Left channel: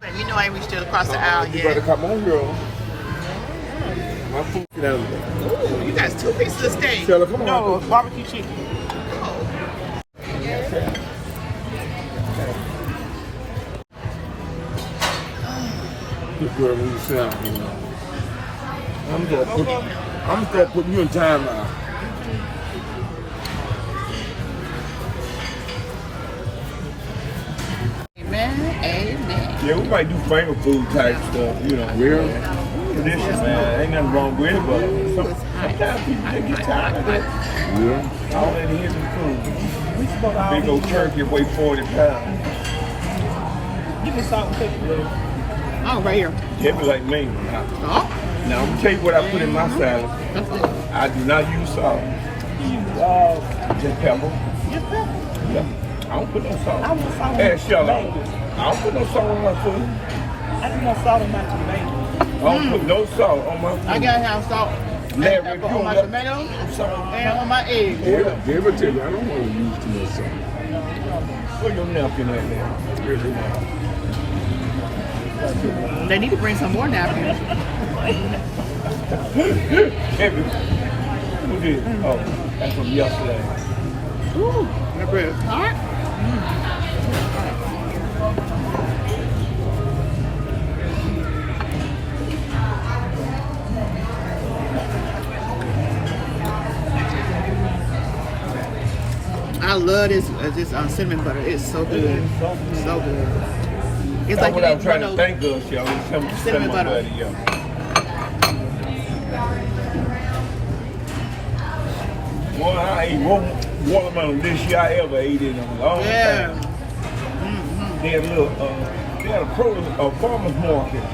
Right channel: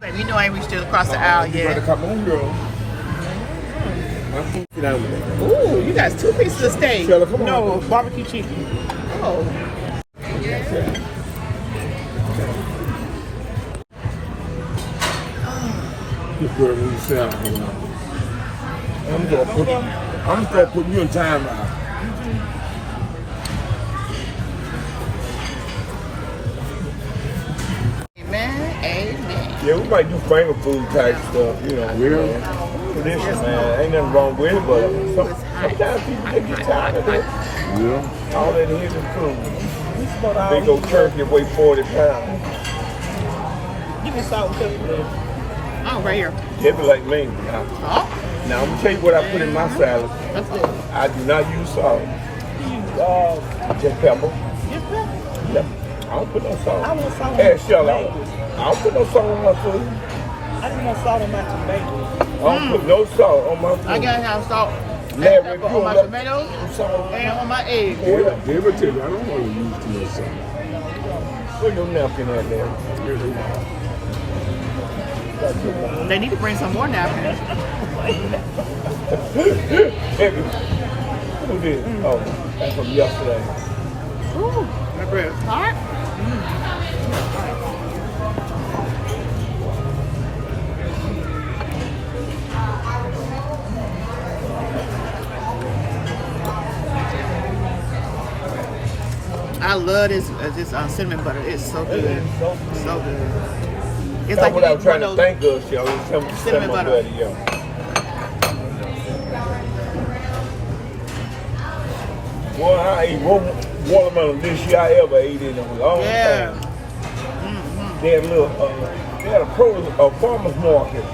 Baby, you know I ain't reached across the aisle You yet. gotta come on, girl. Get out of there. Ooh, you got 2 pieces of steak. Shella, come on. No, barbecue chicken. Oh. This girl needs to sound. I'm gonna start putting you in time out. Amen. Amen. Yeah, we might do finger food type stuff, you know. Yeah. Tradition, man. Ain't nothing wrong with it, but sometimes people they get tired of it. Yeah. All they hear is food. Big old turkey weigh 40 pounds. Give me salt and pepper. Oh, right here. They be like me. Oh. Now, I'm gonna tell you what I put in my salad. That's good. I do not use salt. Just pepper. Just pepper? Yep. I don't put no salt. I want salt on Hey, my Shella, I tomatoes. don't put no salt on my food. I just want salt on my tomatoes. I don't put no salt on my food. I gotta have salt and Larry, pepper you on my love- tomatoes and on my eggs. Yeah, give it to me. I don't want to use too much salt. Put your napkin in there. They need to bring some more napkins. Baby, who did? Oh, that's from yesterday. Ooh, that bread is hot. I love this cinnamon butter. It's so good. So good. It's like That's what you I'm eat trying one to of thank us, y'all. It's cinnamon butter. yo. Boy, I ate more watermelon this year I ever ate in a long Yeah. time. They had a little, they had a farmer's market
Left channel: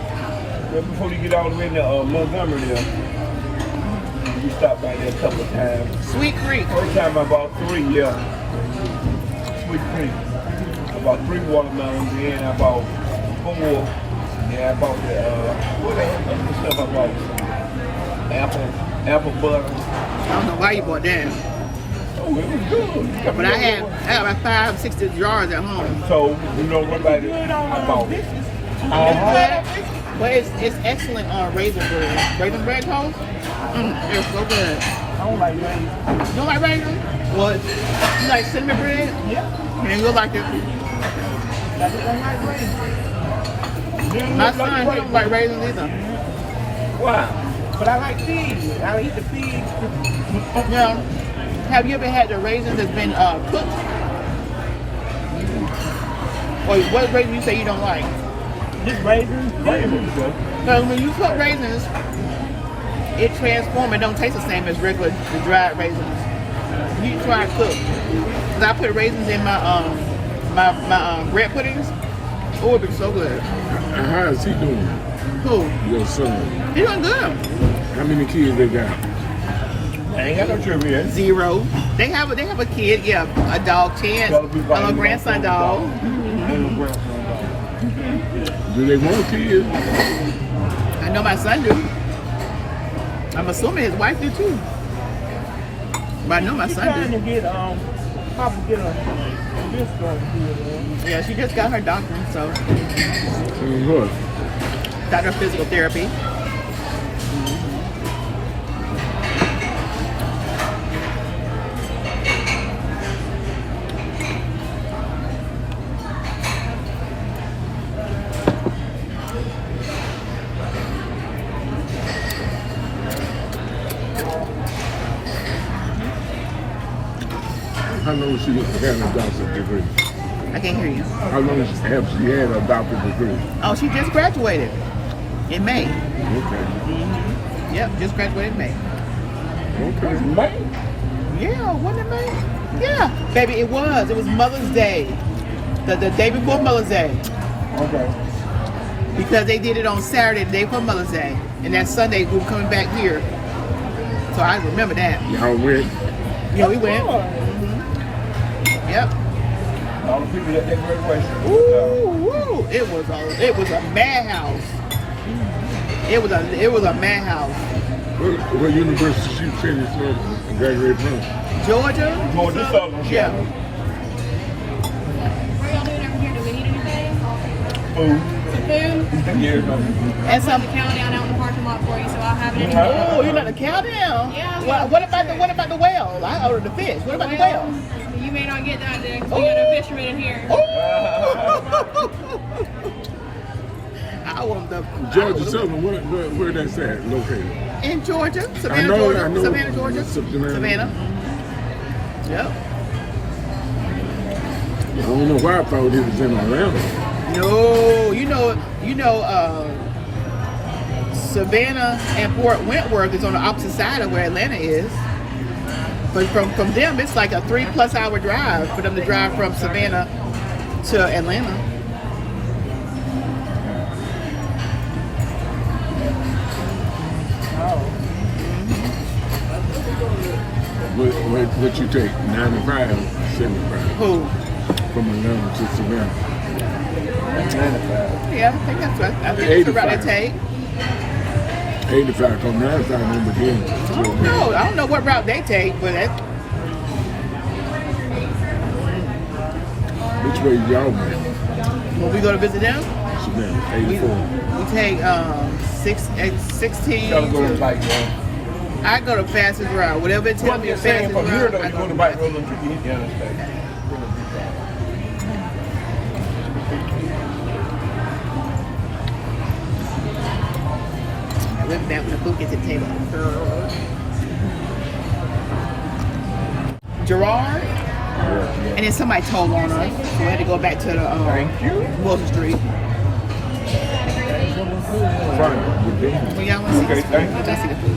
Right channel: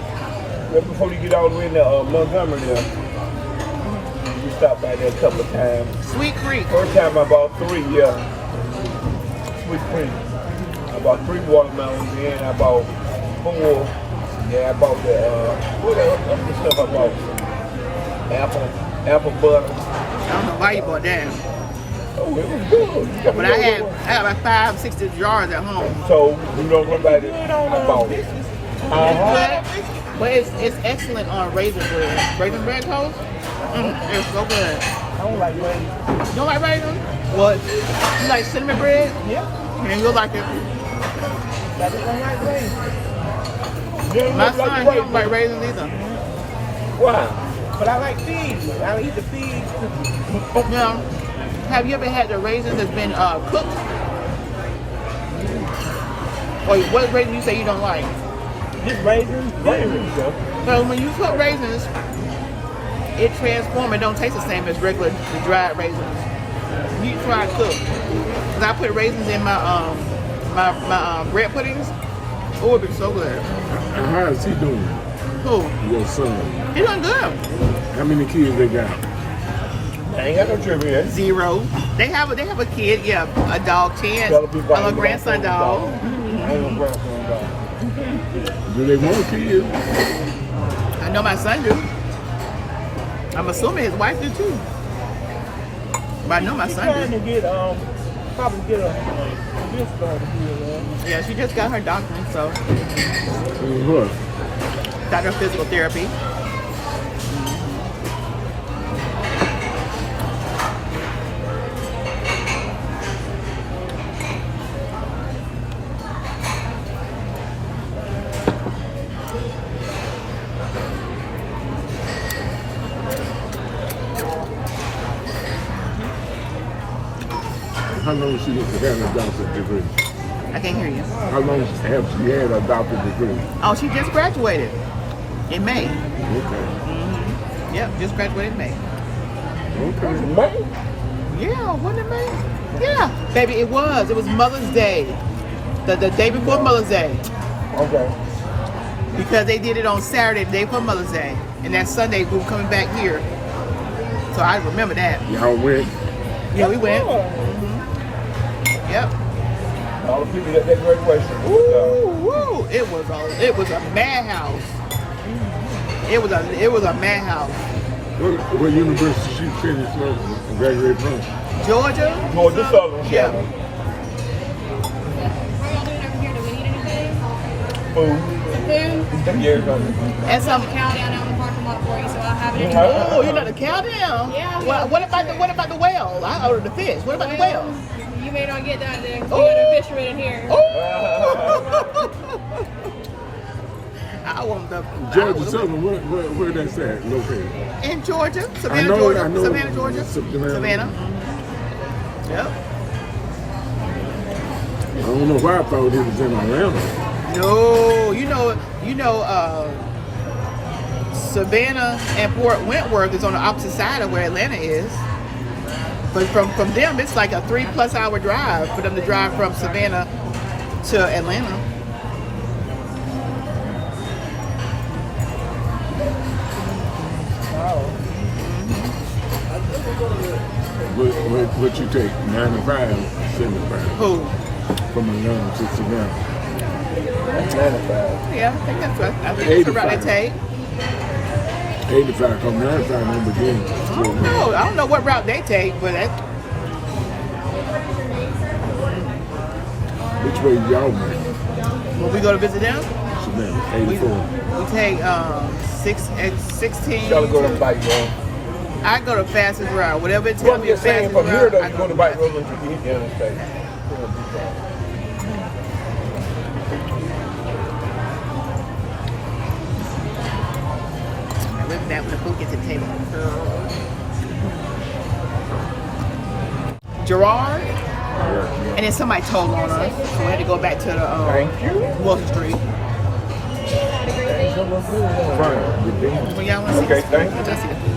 right before we get all the way to Montgomery there. We stopped by there a couple of times. Sweet Creek. First time I bought 3, yeah. Sweet cream. I bought 3 watermelons and I bought 4. Yeah, I bought the, what else? Other stuff I bought? Apple butter. I don't know why you bought that. Oh, it was good. But I had like 5, 6 jars at home. So, you know, nobody Good on about it. dishes. But it's excellent on raisin bread. Raisin bread toast? It's so good. I don't like raisins. You don't like raisins? What? You like cinnamon bread? Yeah. And you'll like it. I just don't like raisins. My son, he don't like raisins either. Why? But I like figs. I eat the figs. Now, have you ever had the raisins that's been cooked? Or what raisin you say you don't like? Just raisins? Yeah, it was good. So when you cook raisins, it transforms. It don't taste the same as regular the dried raisins. You try cook. Cause I put raisins in my bread puddings. Oh, it'd be so good. And how is he doing? Cool. Your son. He doing good. How many kids they got? I ain't got no trivia. 0. They have a kid. Yeah, a dog. 10. A little grandson dog. Do they want kids? I know my son do. I'm assuming his wife do too. But I know my son Trying do. to get, probably get a discount here, Yeah, she just got her doctor, so Look. doctor of physical therapy. How long she had a doctorate degree? I can't hear you. How long has she had a doctorate degree? Oh, she just graduated in May. Okay. Yep, just graduated in May. Okay. Yeah, wasn't it May? Yeah, baby, it was. It was Mother's Day. The day before Mother's Day. Okay. Because they did it on Saturday, the day before Mother's Day. And that Sunday, we were coming back here. So I remember that. Y'all went. Yeah, we went. Yep. All the people that graduation. Ooh, woo. It was a madhouse. It was a madhouse. What university she finished graduated from? Georgia? Georgia Southern. Yeah. Food. Them years ago. And some. Countdown out in the parking lot for you, so I'll have it in the Oh, you like the cow down? Yeah. What about the whale? I ordered the fish. What about the whale? You may not get that then, 'cause Oh. we got a fisherman in here. Oh! I want the. Georgia Southern, where that's at? Located. In Georgia, Savannah, I know, Georgia, I know. Savannah, Georgia, Savannah. Savannah. Yep. I don't know why I thought it was in Atlanta. No, Savannah and Fort Wentworth is on the opposite side of where Atlanta is. But from them, it's like a 3+ hour drive for them to drive from Savannah to Atlanta. What you take? 95 or 75? Who? From Atlanta to Savannah. Yeah, I think that's right. I think it's the route they take. 85 from 95 in the beginning. I don't know what route they take, but that, Which way y'all make? when we go to visit them, Savannah, we 84. take 16 Y'all go to the to. bike road. I go the fastest route. Whatever it tells me the I'm saying, fastest from here, route, I though, go you go to the bike fastest. road to the interstate. I went back when the food gets to the table. Gerard, and then somebody told on us, so we had to go back to the Wilson Street. Well, y'all want to see the food? Let's see the food.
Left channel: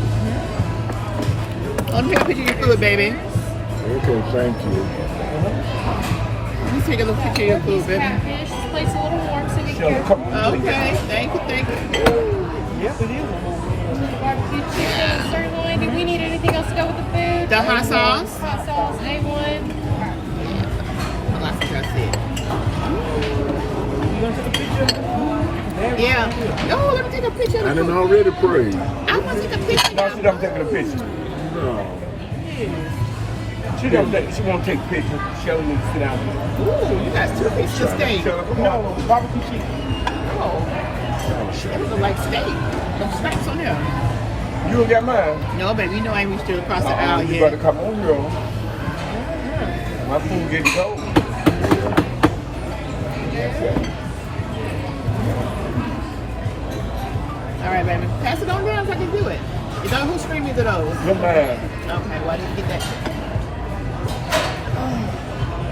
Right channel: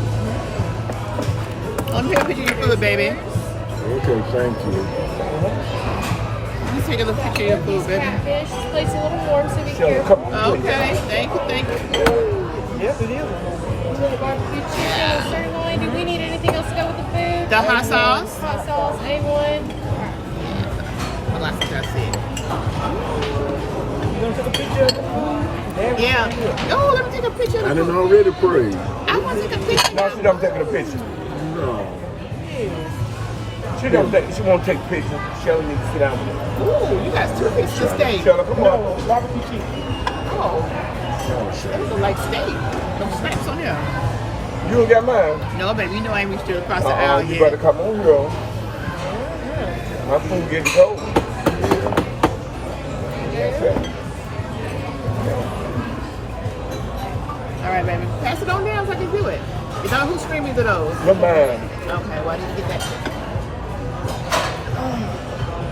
Let me take a picture of your food, baby. Okay, thank you. Let me take a little picture of your food, baby. Catfish, this plate's a little warm, so be A careful. couple of Okay, thank you. Yes, it is. Barbecue chicken, sirloin. Do we need anything else to go with the food? The hot sauce? Hot sauce, A1. Well, that's what I said. You gonna take a picture? Yeah. Oh, let me take a picture of I the done food. already prayed. I want to take a picture. No, she don't take a picture. No. She don't take pictures. She don't need to sit down. Ooh, you got 2 pieces of steak. Shut up. Come on. Barbecue chicken. Oh, shit, these look like steak. Some snacks on there. You got mine. No, baby, you know I ain't reached across the aisle You better yet. come on here. My food getting cold. All right, baby. Pass it on down so I can do it. You know whose stream is it those? No man. Okay, why didn't you get that?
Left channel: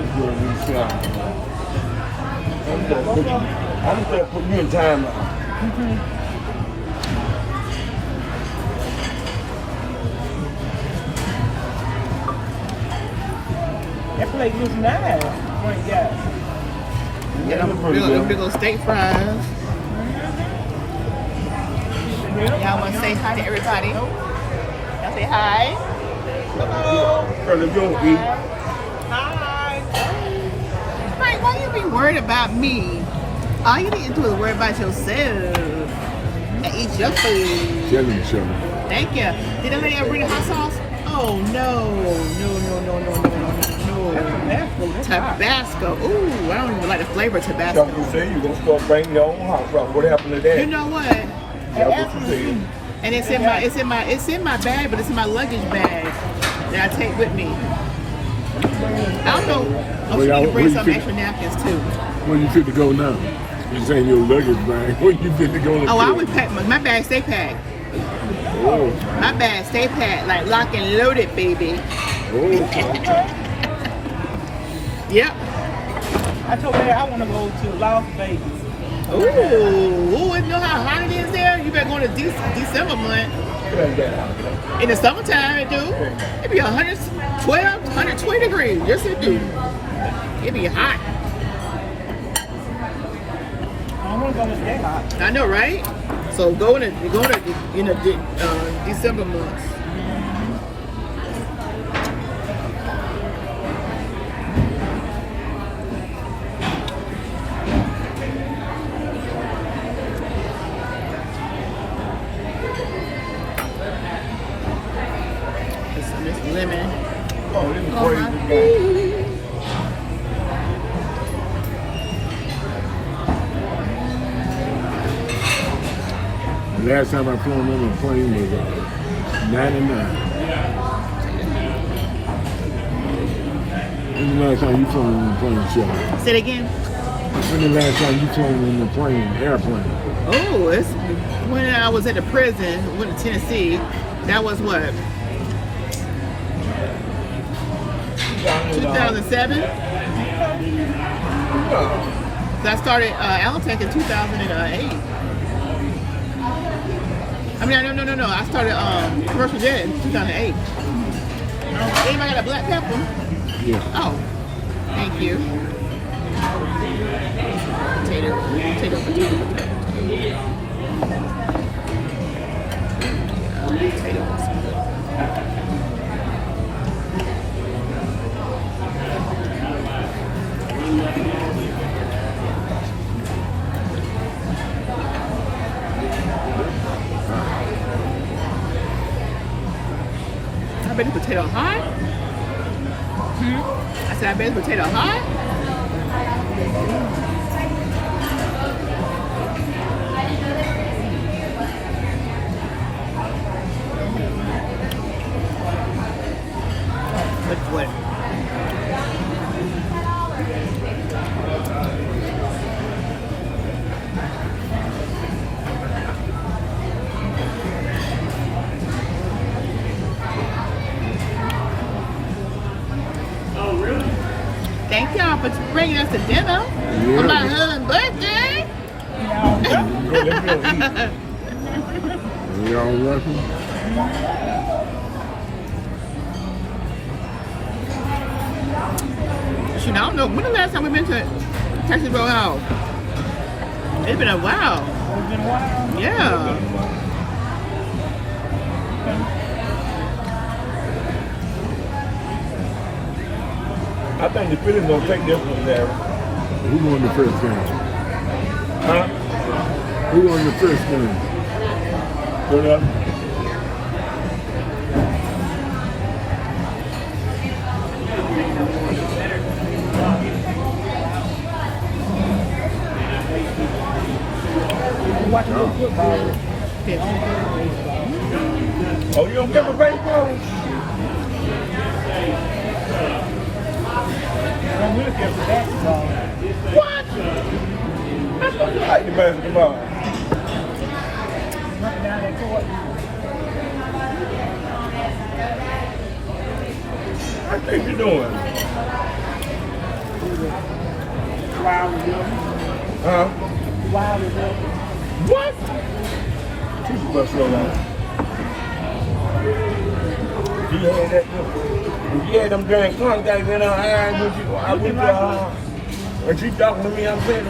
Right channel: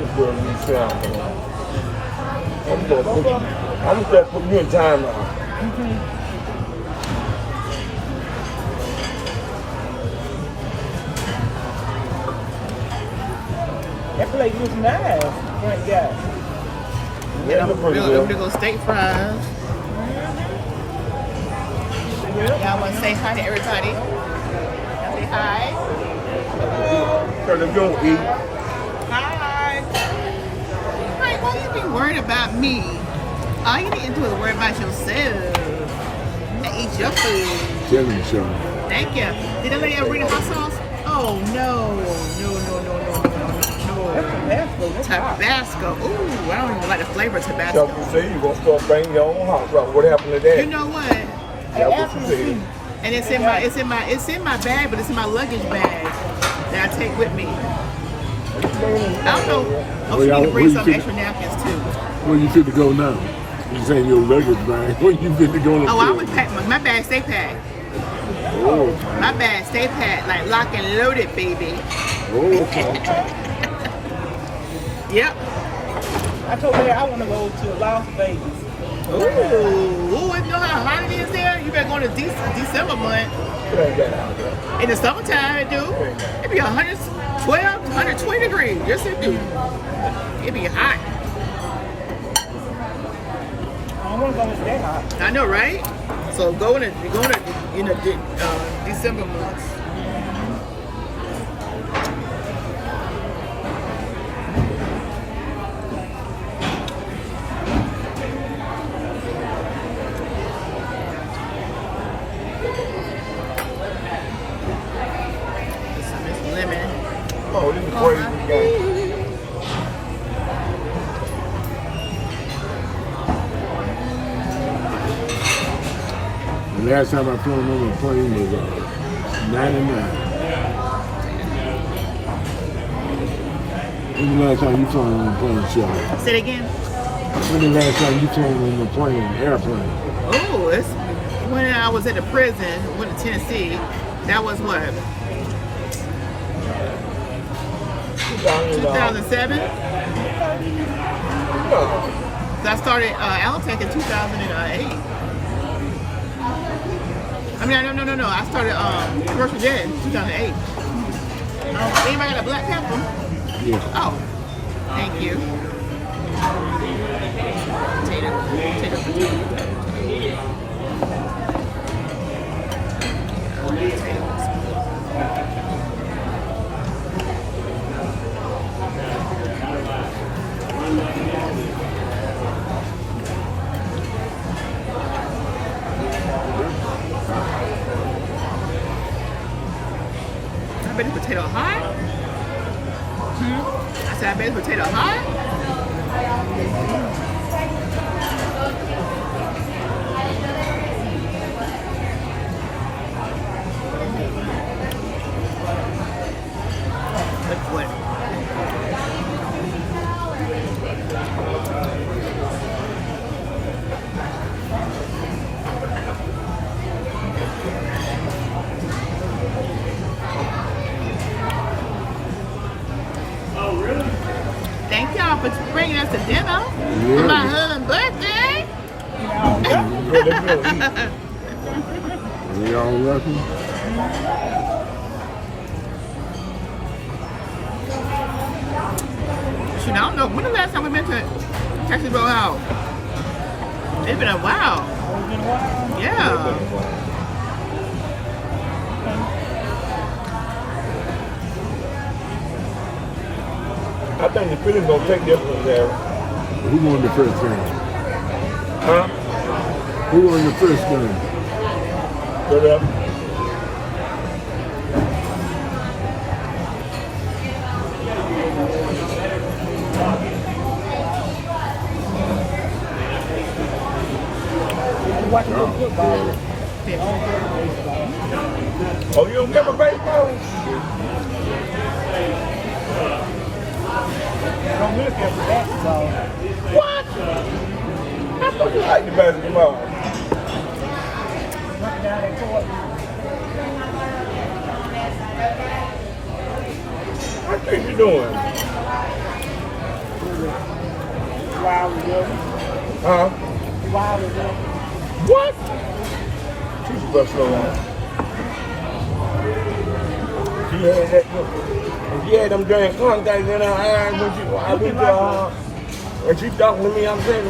It's good when you sound. I'm gonna start putting you in time now. That plate was nice. One guy. Yeah, I'm gonna go steak fries. Y'all want to say hi to everybody? Say hi. Girl, if you don't eat, Hi. Wait, why you be worried about me? All you need to do is worry about yourself and eat your food. Tell each other. Thank you. Did that lady ever bring the hot sauce? Oh no, no. Tabasco. Ooh, I don't even like the flavor of Tabasco. Chuck, you say you're gonna start bringing your own hot sauce. What happened to that? You know what? That's what you said. And it's in my bag, but it's in my luggage bag that I take with me. I don't know. Oh, she need to bring some extra napkins too. Where you fit to go now? This ain't your luggage bag. Where you fit to go? Oh, I always pack my bag. Stay packed. Oh, My bag stay packed, like lock and loaded, baby. Yep. I told her I want to go to Las Vegas. Ooh, you know how hot it is there? You better go to December month. In the summertime, it do. It be 112, 120 degrees. Yes, it do. It be hot. I want to go to that. I know, right? So go in December months. Put some of this lemon Oh, this is on my crazy. feet. Last time I flown on the plane was 99. When the last time you flown on the plane, Shelly? Say it again. When the last time you flown on the plane, airplane? Oh, it's when I was at the prison, went to Tennessee. That was what? 2007? I started Alantech in 2008. I mean, no. I started commercial jet in 2008. Anybody got a black pepper? Yeah. Oh, thank you. Potato. Yeah, potatoes. I bet the potato hot. I said, I bet the potato hot. What? Thank y'all for bringing us to dinner for my husband's birthday. You all welcome. Shoot, I don't know. When the last time we been to Texas Roadhouse? It's been a while. Yeah. I think the Phillies gonna take this one there. Who won the first game? Huh? Who won the first game? Go there. Oh, you don't remember baseball? What? I thought you liked the basketball. What are you doing? Huh? What? Teach you about slow down. You had them dang contacts in her eyes when I went to when she talking to me, I'm saying to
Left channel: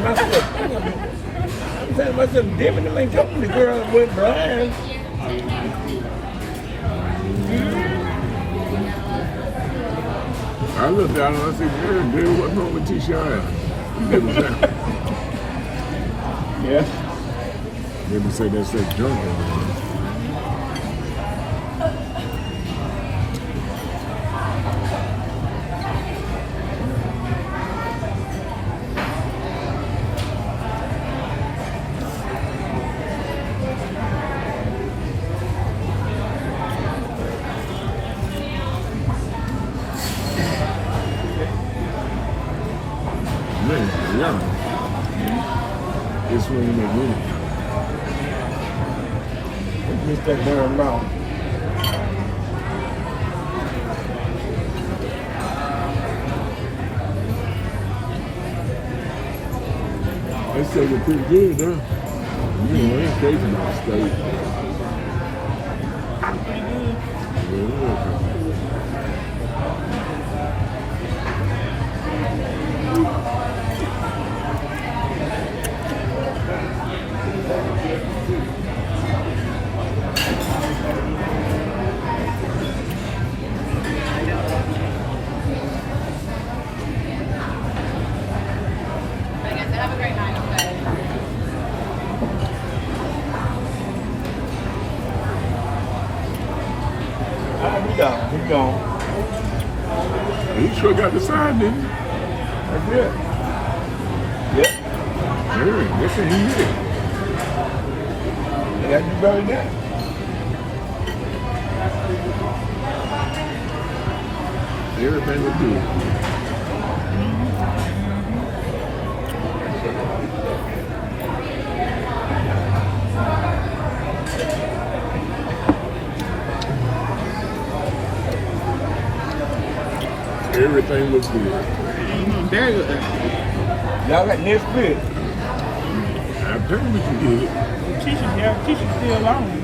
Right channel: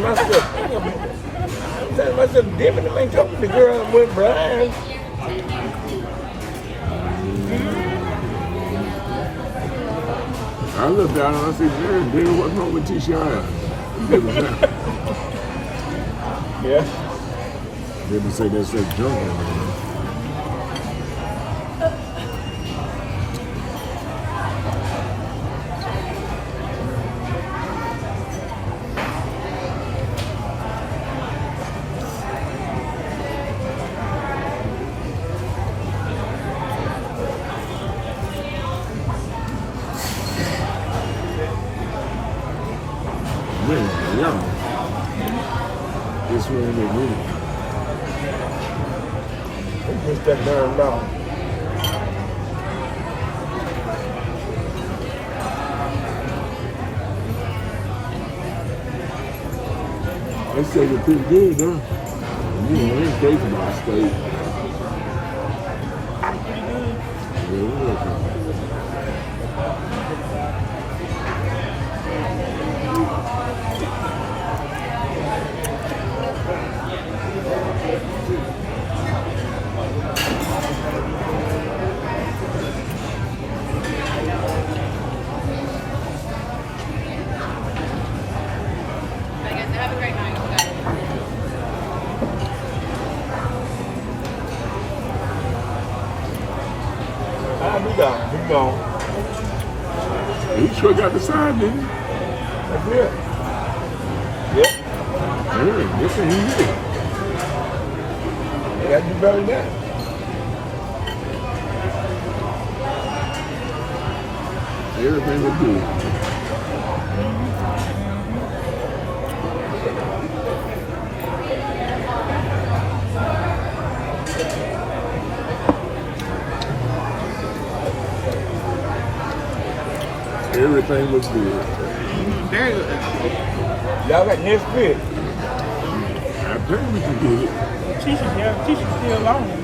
myself, damn it, I ain't talking to the girl that went blind. I looked down and I said, baby, what's wrong with T-Shine? Yeah. They said they said drunk. This one make money. Just that darn mouth. They say they're pretty good, huh? You know, that's taking my state. Yeah, Have a great night. Okay. We got it. We gone. he sure got the sign, didn't he? That's it. Yep. Yeah, that's what he did. Yeah, you very nice. Everything is good. Everything looks good. Very good. Y'all got next week. I think we can get it. Tisha's there. Tisha's still on. We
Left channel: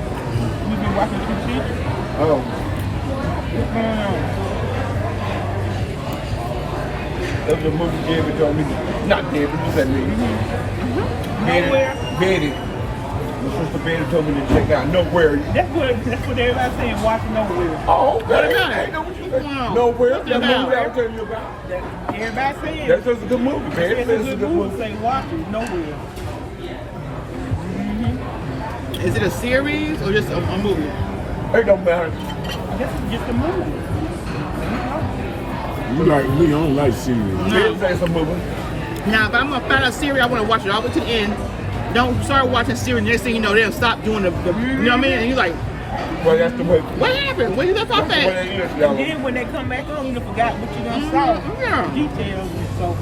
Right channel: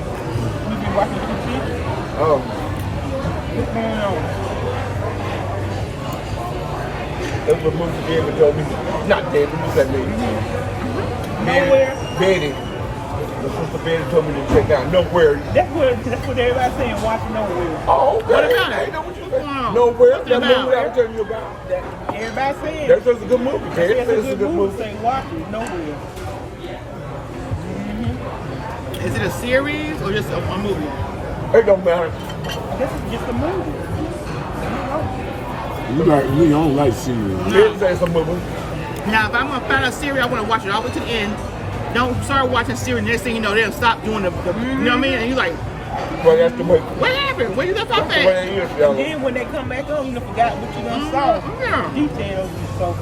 been watching Tisha. Oh, What's going on? that's what movie David told me. Not David, you said me. Nowhere. Betty. My sister Betty told me to check out Nowhere. That's what everybody's saying. Watch Nowhere. Oh, okay. What about it? I know what you said. Wow. Nowhere. What's The it movie about? I was telling you about. Everybody's saying. That's just a good movie. Betty It's says it's a a good good movie. movie. Say watch it. Nowhere. Is it a series or just a movie? It don't matter. This is just a movie. We don't like cereal. Betty says it's a movie. Now, if I'm gonna find a series, I want to watch it all the way to the end. Don't start watching series. Next thing you know, they'll stop doing the you know what I mean? And you're like, Well, that's the way. what happened? Where you left off What at? it is, And y'all. then when they come back on, you done forgot what you done saw. Yeah. Details and so.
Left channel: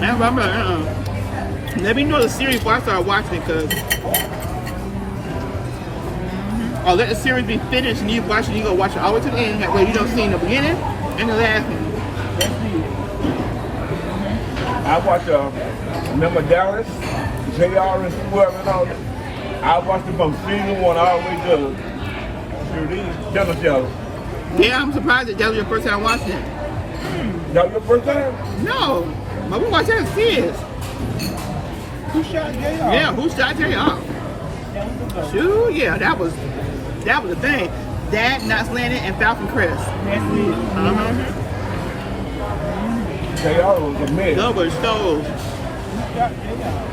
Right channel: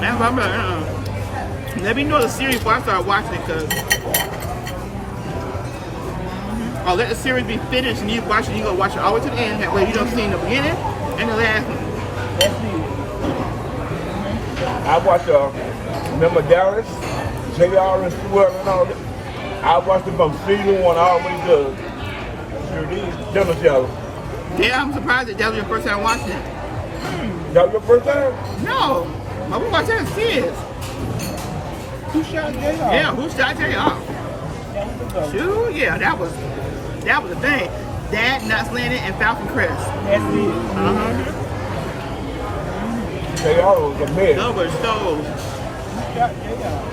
That's what I'm like, Let me know the series before I start watching it, cause I'll let the series be finished and you watch it. You go watch it all the way to the end. That way you don't see the beginning and the last one. That's it. I watched, remember Dallas, JR and Square and all that? I watched it from season 1 all the way to Dallas, y'all. Yeah, I'm surprised that was your first time watching it. That was your first time? No, but we watched that as kids. Who shot J.R.? Yeah, who should I tell you? Oh, That was a go. shoot, yeah, that was the thing. That, Knots Landing, and Falcon Crest. That's it. Uh-huh. JR was the man. Those were those. Who shot J.R.?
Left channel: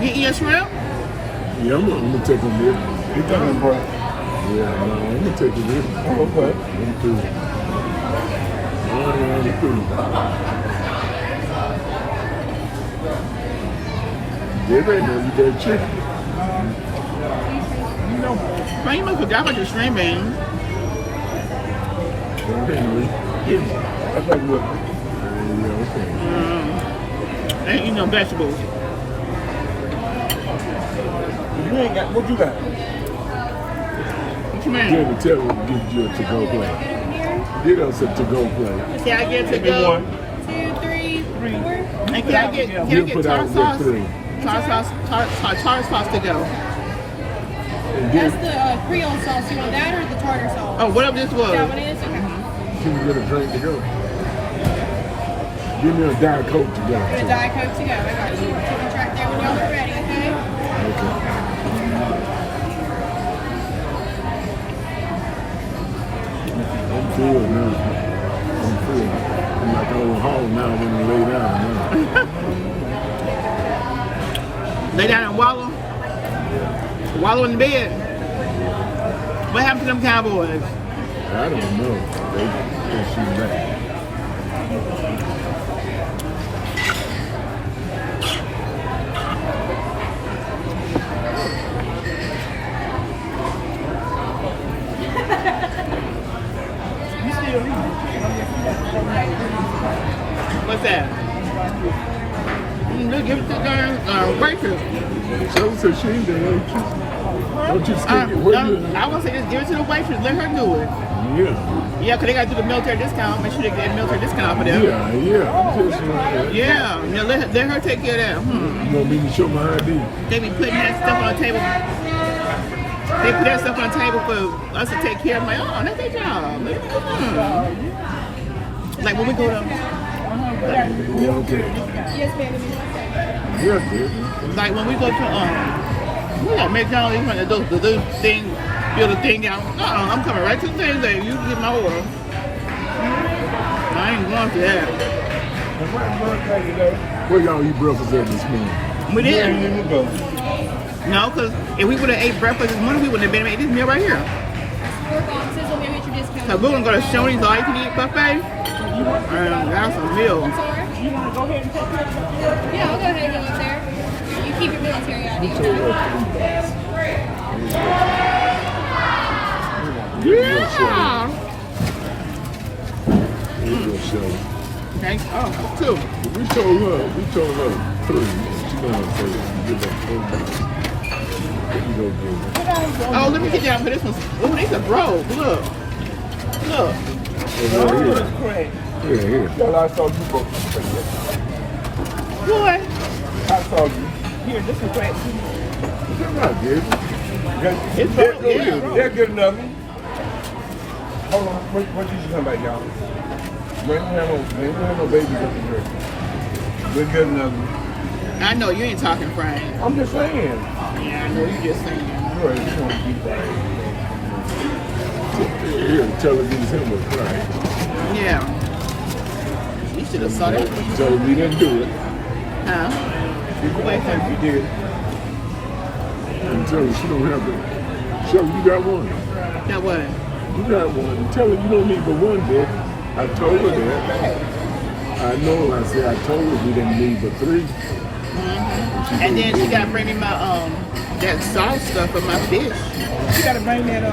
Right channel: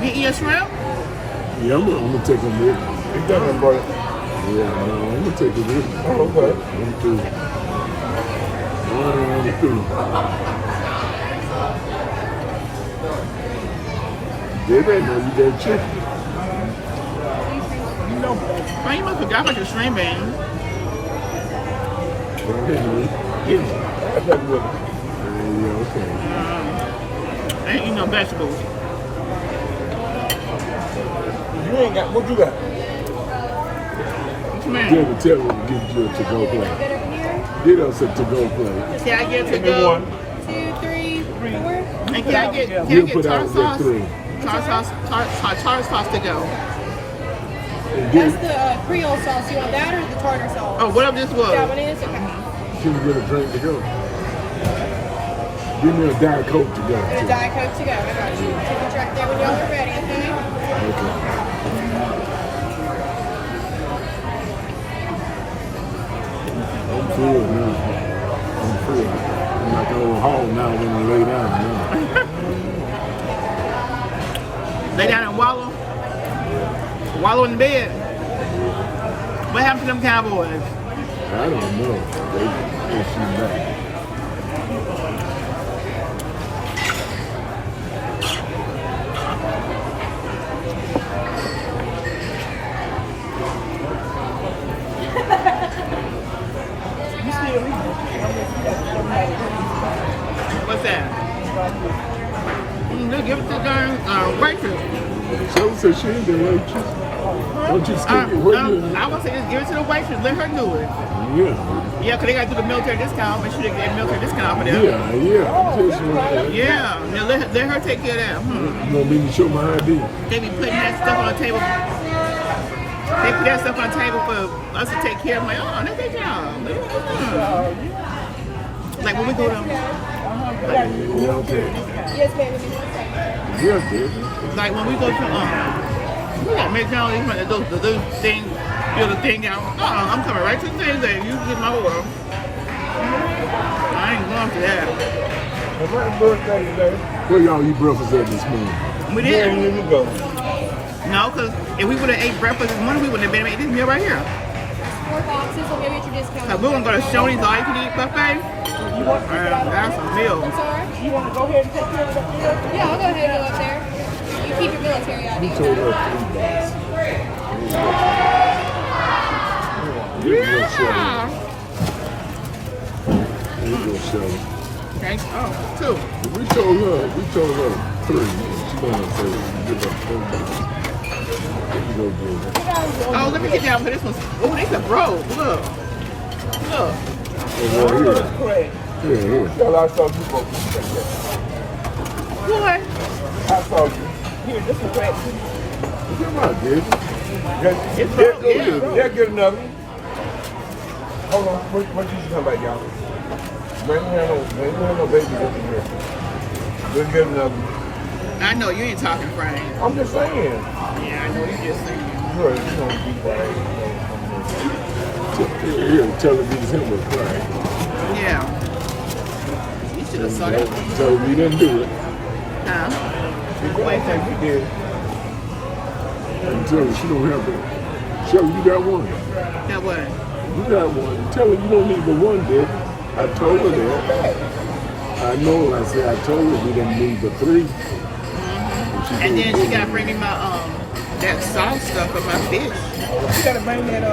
You eat your shrimp? Yeah, I'm gonna take them with me. He done it, bro. Yeah, I'm gonna take it with me. Okay. I'm cool. I'm cool. Yeah, they know you got chicken. Man, you must forgot about your shrimp, man. That's not good. Yeah, Ain't eating no vegetables. You ain't got, what you got? What you okay. mean? Yeah, tell them to give you a to-go plate. Get us a to-go plate. Can I get to go? 2, 3, 4. And can I get You put tartar out sauce? that plate. Tartar sauce to go. And That's then the Creole sauce. You want that or the tartar sauce? Oh, whatever this was. That one is? Okay. can you get a drink to go? Give me a Diet Coke to go. And a Diet Coke to go. I got you. I'll track there when you're ready, okay? I'm full now. I'm full. I'm like over home now when we lay down. Lay down and wallow. Wallow in the bed. What happened to them Cowboys? I don't know. They see that. What's that? They give it to the waitress. So said she ain't been waiting. Don't you skip it? What you? I want to say just give it to the waitress. Let her do it. Yeah. Yeah, because they got to do the military discount. Make sure they get that military discount for them. Yeah. I'm just saying. Yeah, let her take care of that. You want me to show my ID? They be putting that stuff on the table. They put that stuff on the table for us to take care of. I'm like, oh, that's their job. Like when we go to, Yeah, okay. Yes, ma'am. Yes, baby. like when we go to, we got McDonald's, you want to do thing, build a thing out. I'm coming right to the thing that you get my order. I ain't going to that. Where y'all eat breakfast at this morning? We didn't. No, because if we would have ate breakfast this morning, we wouldn't have been able to eat this meal right here. 4 boxes, and maybe at your discount. Because we're going to go to Shoney's all you can eat buffet. And that's a meal. I'm sorry. You want to go ahead and take care of that? Yeah, I'll go ahead and go up there. You keep your military ID. Yeah. Thanks. Oh, two. We told her, please, she gonna say, give us $4. Oh, let me get down for this one. Oh, these are broke. Look. Look. Yeah. Girl, I saw you. What? I saw you. Here, this is crap. Come on, baby. It's broke, yeah. Yeah, good enough. Hold on, what you talking about, y'all? Man, you have no babies up in here. We're good enough. I know you ain't talking, Frank. I'm just saying. Yeah, I know you just saying. Bro, you can't be that. Here, tell her these him. Yeah. You should have saw that. So we didn't do it. Huh? Wait, We did. I'm telling her she don't have to. Tell her you got one. that what? You got one. Tell her you don't need but one, bitch. I told her that. I know. I said I told her we didn't need but 3. And then she gotta bring me my that salt stuff for my fish. You gotta bring that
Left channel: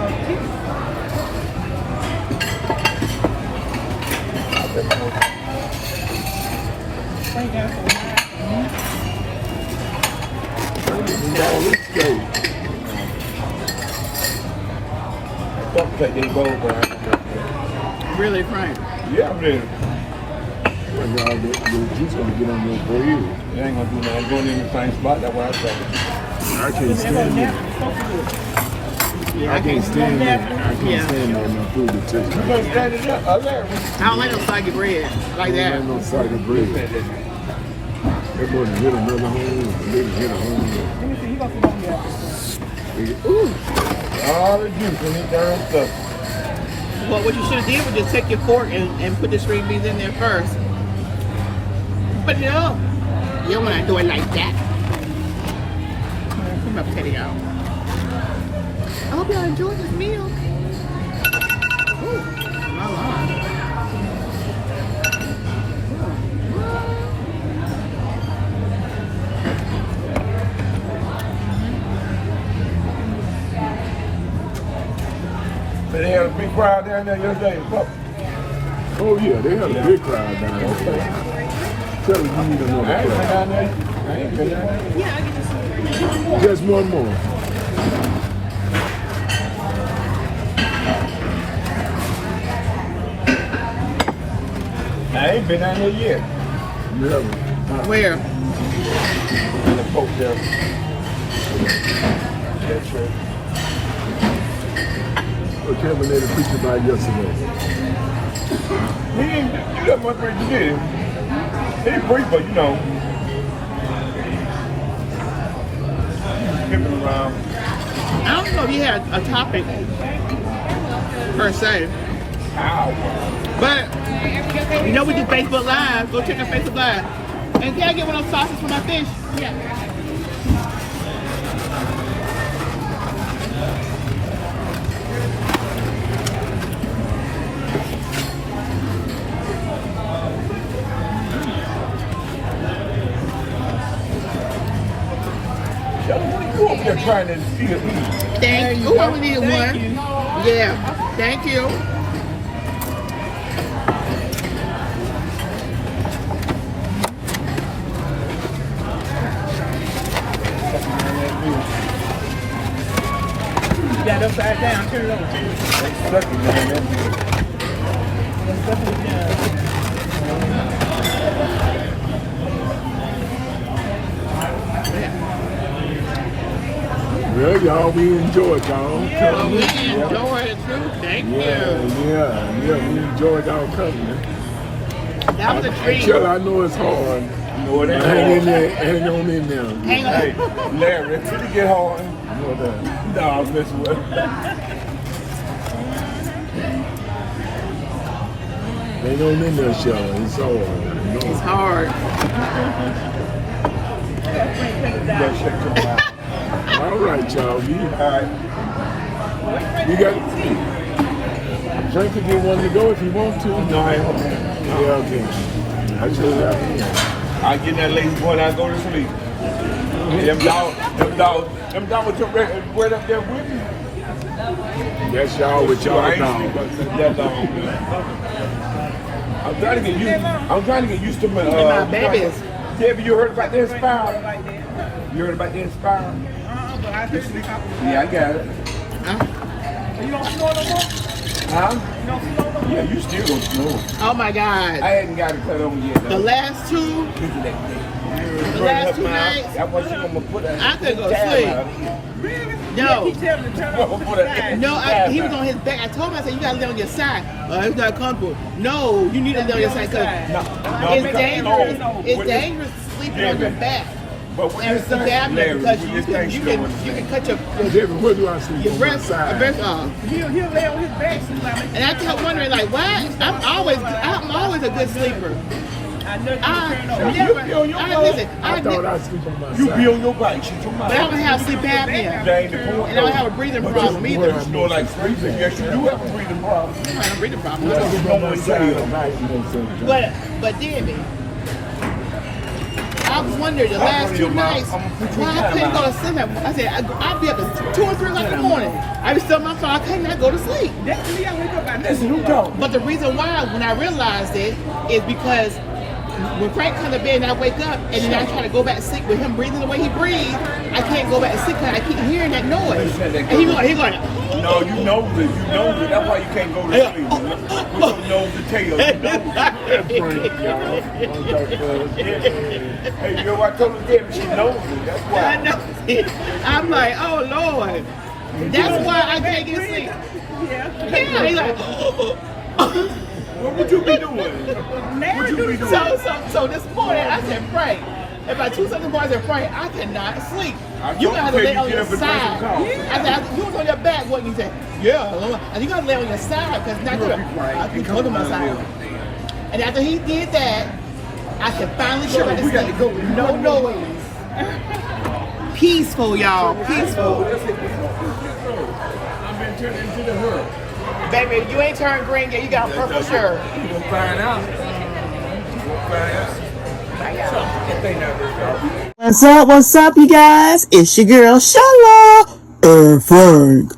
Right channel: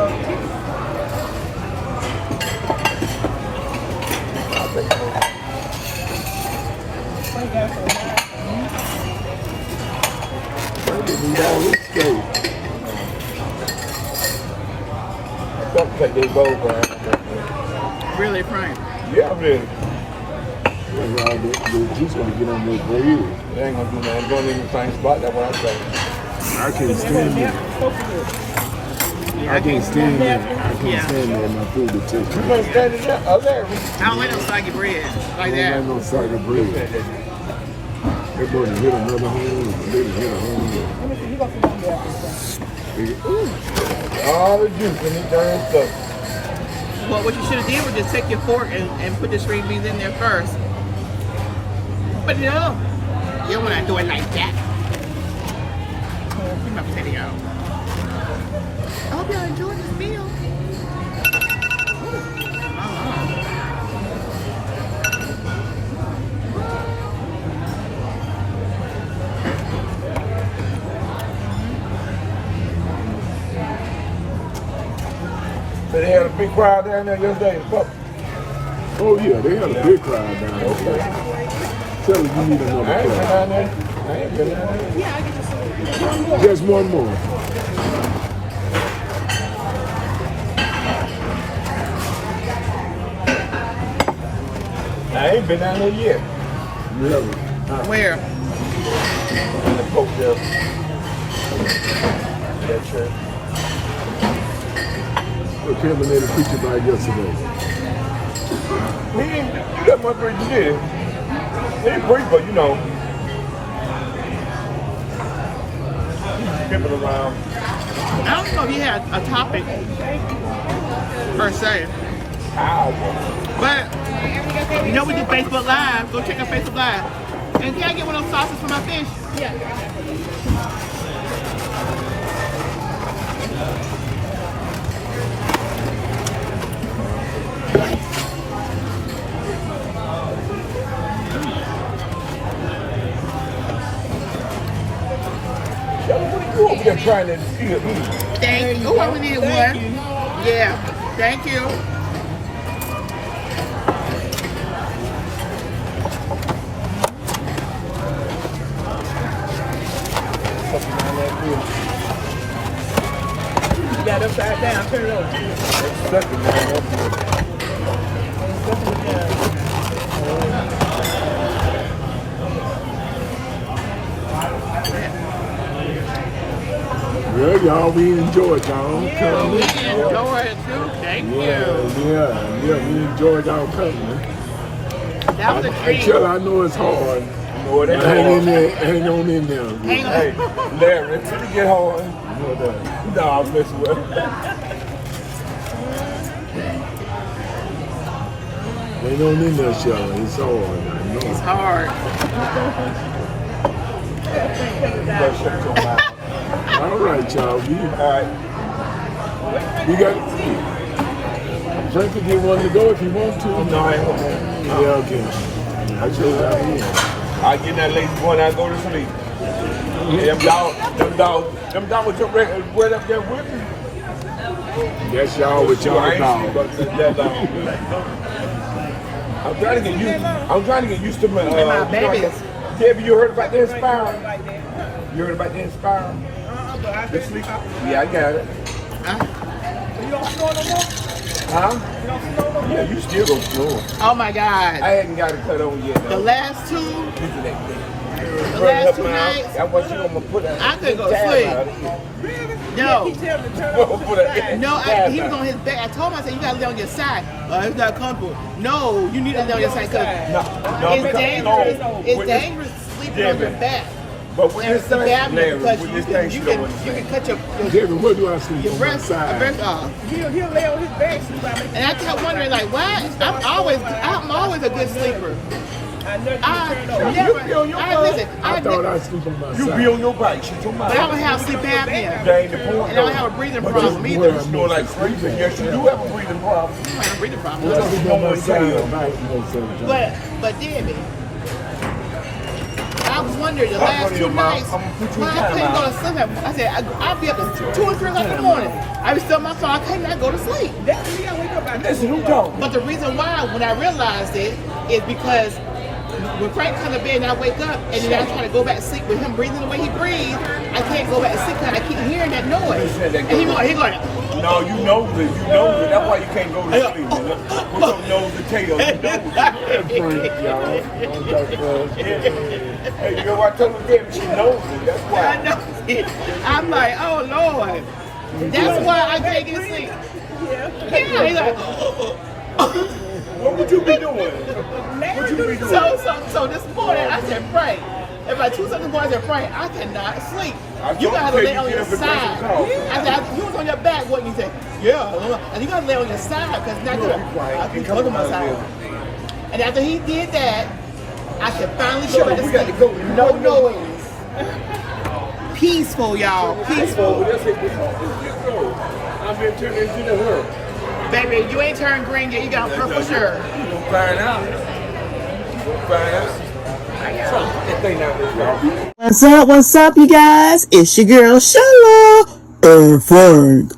Don't take they both, Really, Frank? Yeah, really. She's gonna get on your bread. They ain't gonna do nothing. Don't in the same spot. That's what I'm saying. I can't stand there. Yeah, I can't stand there. I can't Yeah. stand there. My food will taste. You can't stand it up. Oh, there. I don't like no soggy bread like that. I'm on side of bread. They're going to hit another home. Hit a home. Ooh. All the juice in this darn stuff. Well, what you should have did was just take your fork and put the string beans in there first. But no, you don't want to do it like that. Keep my potato out. I hope y'all enjoyed this meal. Ooh, my Lord. So they had a big crowd down there yesterday. Oh yeah, they have a big crowd down there. Tell them you need another Hey, crowd. down there. Hey, get down there. Just one more. I ain't been down there yet. Really. Where? In the post there. That's right. What Kevin made a picture by yesterday. He didn't do that much for you did. He brief, but you know. Skipping around. I don't know if you had a topic per se, but you know we do Facebook Live. Go check out Facebook Live. And can I get one of those sauces for my fish? Yeah. They're trying to see the heat. Thank you. Whoever needed one. Yeah. Thank you. You got upside down, turn it over. Well, y'all, we enjoyed y'all. Well, we enjoyed it too. Thank you. Yeah, we enjoyed our company. That was a treat. Chill, I know it's hard. Boy, they Hang in there, hang on in there. Hang Hey, on. Larry, until you get home. No, I was messing with him. Hang on in there, Sean. It's hard. It's hard. All right, child. You got Frank can get one to go if you want to. No, I ain't home. Yeah, okay. I should right here. I get that lazy boy and I go to sleep. Them dogs took right up there with me. That's y'all with y'all I ain't now. sleep, but that dog. I'm trying to get used to my And my babies. Debbie, you heard about the Inspire? You heard about the Inspire? The sleep? Yeah, I got it. You don't smoke no more? Huh? Yeah, you still go slow. Oh my God. I hadn't got it cut over yet. The Though. last two nights, I couldn't go to sleep. No. No, he was on his back. I told him, I said, you gotta lay on your side. It's not comfortable. No, you need to lay on your side because it's dangerous. It's dangerous sleeping on your back. And it's the apnea because you can cut your breast off. He'll lay on his back sometimes. And I kept wondering, like, why? I'm always a good sleeper. You be on your bike. But I don't have sleep apnea. And I don't have a breathing problem either. It's more like breathing. Yes, you do have a breathing problem. I don't have a breathing problem. But Debbie, I wondered the last two nights why I couldn't go to sleep. I said, I'd be up at 2 or 3 o'clock in the morning. I was still on my phone. I could not go to sleep. But the reason why, when I realized it, is because when Frank comes to bed and I wake up and then I try to go back to sleep with him breathing the way he breathes, I can't go back to sleep because I keep hearing that noise. And he going. No, you know this. That's why you can't go to sleep. With your nose and tail. You know what I'm telling you? She knows it. I know it. I'm like, oh Lord. That's why I can't get to sleep. Yeah, he's like, What would you be doing? So this morning I said, Frank, at about 2 seconds I said, Frank, I cannot sleep. You gotta lay on your side. I said, you was on your back, what? And he said, yeah. And you gotta lay on your side because it's not good. I can go to my side. And after he did that, I could finally go back to sleep. No noise. Peaceful, y'all. Peaceful. I've been turned into the world. Baby, you ain't turned green yet. You got a purple shirt. You gonna find out. You gonna find out. What's up, you guys? It's your girl, Shala and Frank.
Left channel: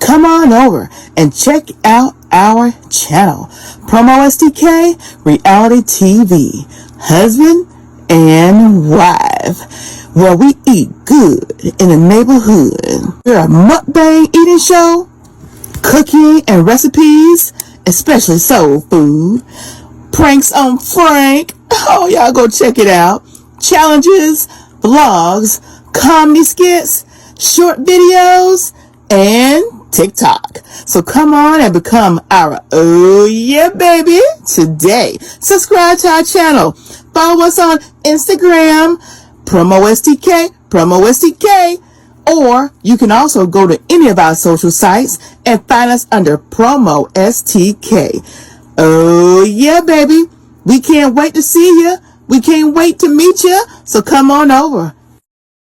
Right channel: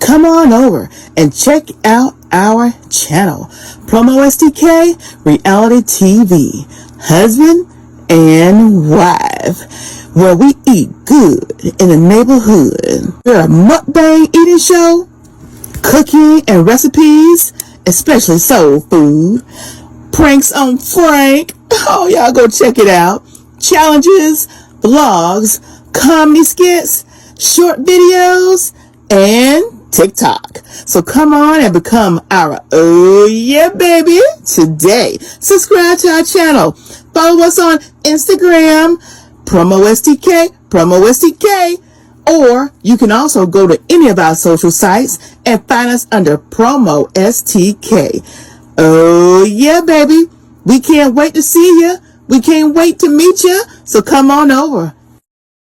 Come on over and check out our channel, PromoSTK Reality TV, husband and wife, where we eat good in the neighborhood. We're a mukbang eating show, cooking and recipes, especially soul food, pranks on Frank. Oh, y'all go check it out. Challenges, vlogs, comedy skits, short videos, and TikTok. So come on and become our oh yeah baby today. Subscribe to our channel. Follow us on Instagram, PromoSTK, or you can also go to any of our social sites and find us under PromoSTK. Oh yeah baby. We can't wait to see you. We can't wait to meet you. So come on over.